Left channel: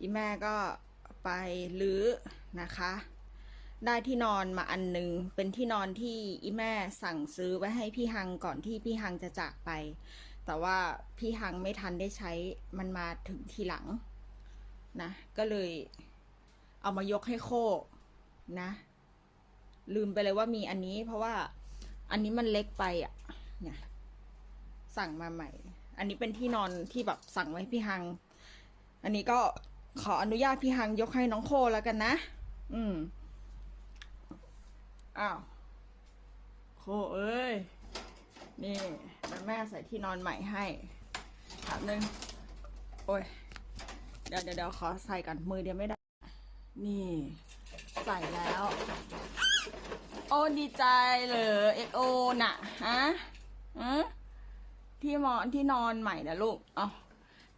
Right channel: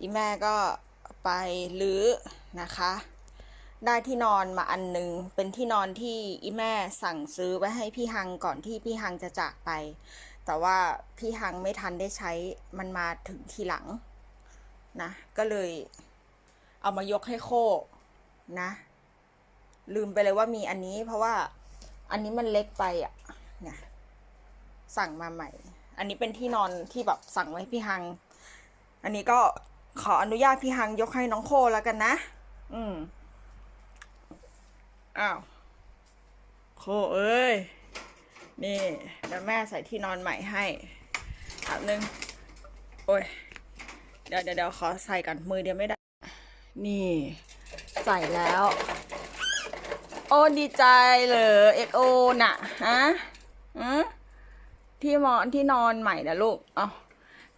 อีแม่ก็ไปรื้อนะคะ ได้ที่นอนมาอันหนึ่งเป็นที่นอนที่อีแม่สั่งซื้อไว้ให้พี่ฮังก่อนที่พี่ฮังจะจากไป แต่ว่าพี่ฮังไม่ทันได้ใช้มันมาถึงทีหลังนะ ก็เลยเอามายกให้โคนะ ลืมไปเลยว่ามีอันนี้ เพราะว่าอันนี้มันเล็กไปอะเนี่ยสั่งมาใหม่ อันนี้เป็นที่นอนที่แบบสั่งไว้พี่ฮัง อันนี้ก็ ขออนุญาตพี่ฮังยกให้น้องโคแล้วกันนะ อืม อ้าว โคเอ้ย นี่เดี๋ยวแม่ใส่ที่นอนใหม่ให้ถามนึง โอ้ย เดี๋ยวเดี๋ยวเดี๋ยวขอใส่กันมือเดียวไม่ได้ นี่ ใส่แล้ว โอ้ดีใจเลยเอ็กโอน่ะ ฮะอือที่มอนที่นอนใหม่นะลูก เอา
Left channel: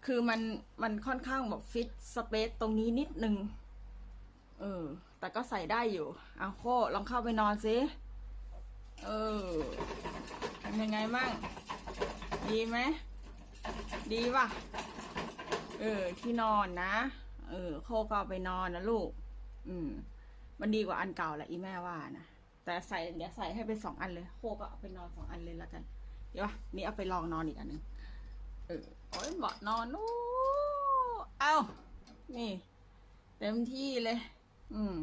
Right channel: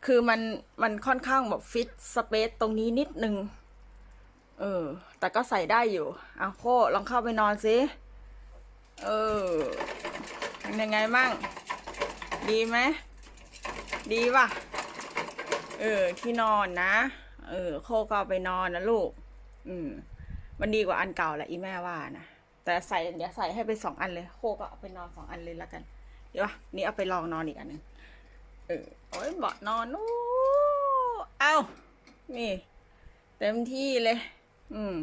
คือมันมันค่อนข้างแบบฟิตสเปซตรงนี้นิดนึง เออ แต่ก็ใส่ได้อยู่เอาโคลองเข้าไปนอนสิ เออเป็นยังไงมั่ง ดีไหม ดีป่ะ เออ ที่นอนนะ เออ โคก็ไปนอนนะลูก อืม มันดีกว่าอันเก่าแหละอีแม่ว่านะ แต่ใส่เดี๋ยวใส่ให้ไปสองอันเลย โคก็เอาไปนอนสองอันเลยแล้วกัน เดี๋ยวนี่เอาไปลองนอนอีกอันหนึ่ง เออโอ้ยเบาะนอนโอ้เอ้านี่ เต็มที่เลย อืม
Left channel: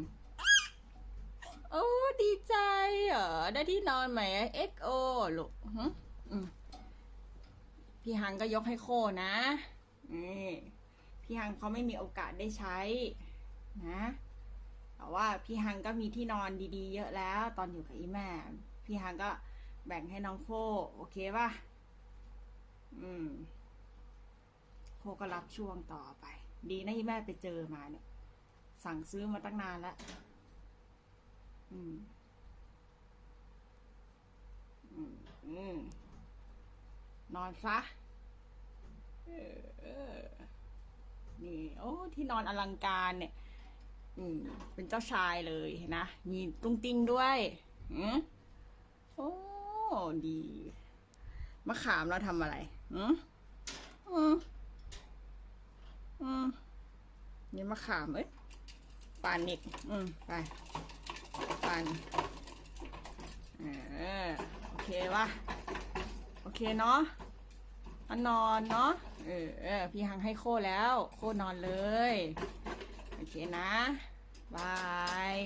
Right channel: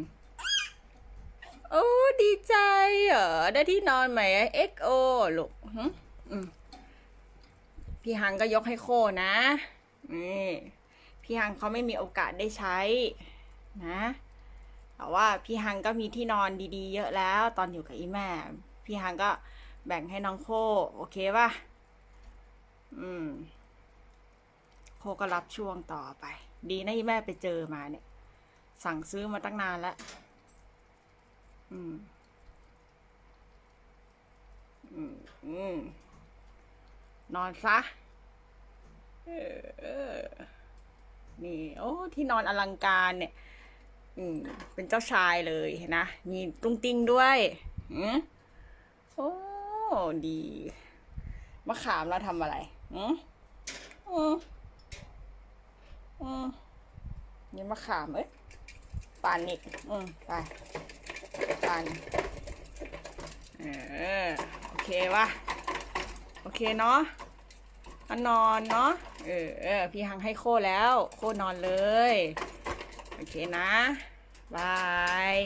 โอ้ดีใจเหรอได้ที่นอนใหม่ XO ลูกหึอืมพี่ฮังก็ยกให้โคนะนี่พี่ฮังเขาไม่มีโอกาสได้ใช้ นะแต่ว่าพี่ฮังก็มีที่นอนดีๆ เยอะแล้ว ตอนอยู่กับอีแม่ พี่ฮังก็แบ่งให้น้องโค โอเคป่ะ อืมโคก็รับช่วงต่อไป ดีนะอีแม่ไปเจอมาเนี่ย สั่งซื้อมาตั้งนานแล้วอืม อืมอืมนอนซะนี่ โอ้ ที่นอนอลังการเนี่ย อืม เป็นเจ้าชายเลยนนะมีตุ้งติ้งด้วยอืมโอ้ ดี มะขามเราทำอะไร อืมอืมอืมนี่มะขามเอ้ยปานอีกอืมไปปานเออโอเควะโอเคเนาะมานอนเนาะเออเออพี่หังให้โคแล้ว โคนอนเลย โอเคนะบาย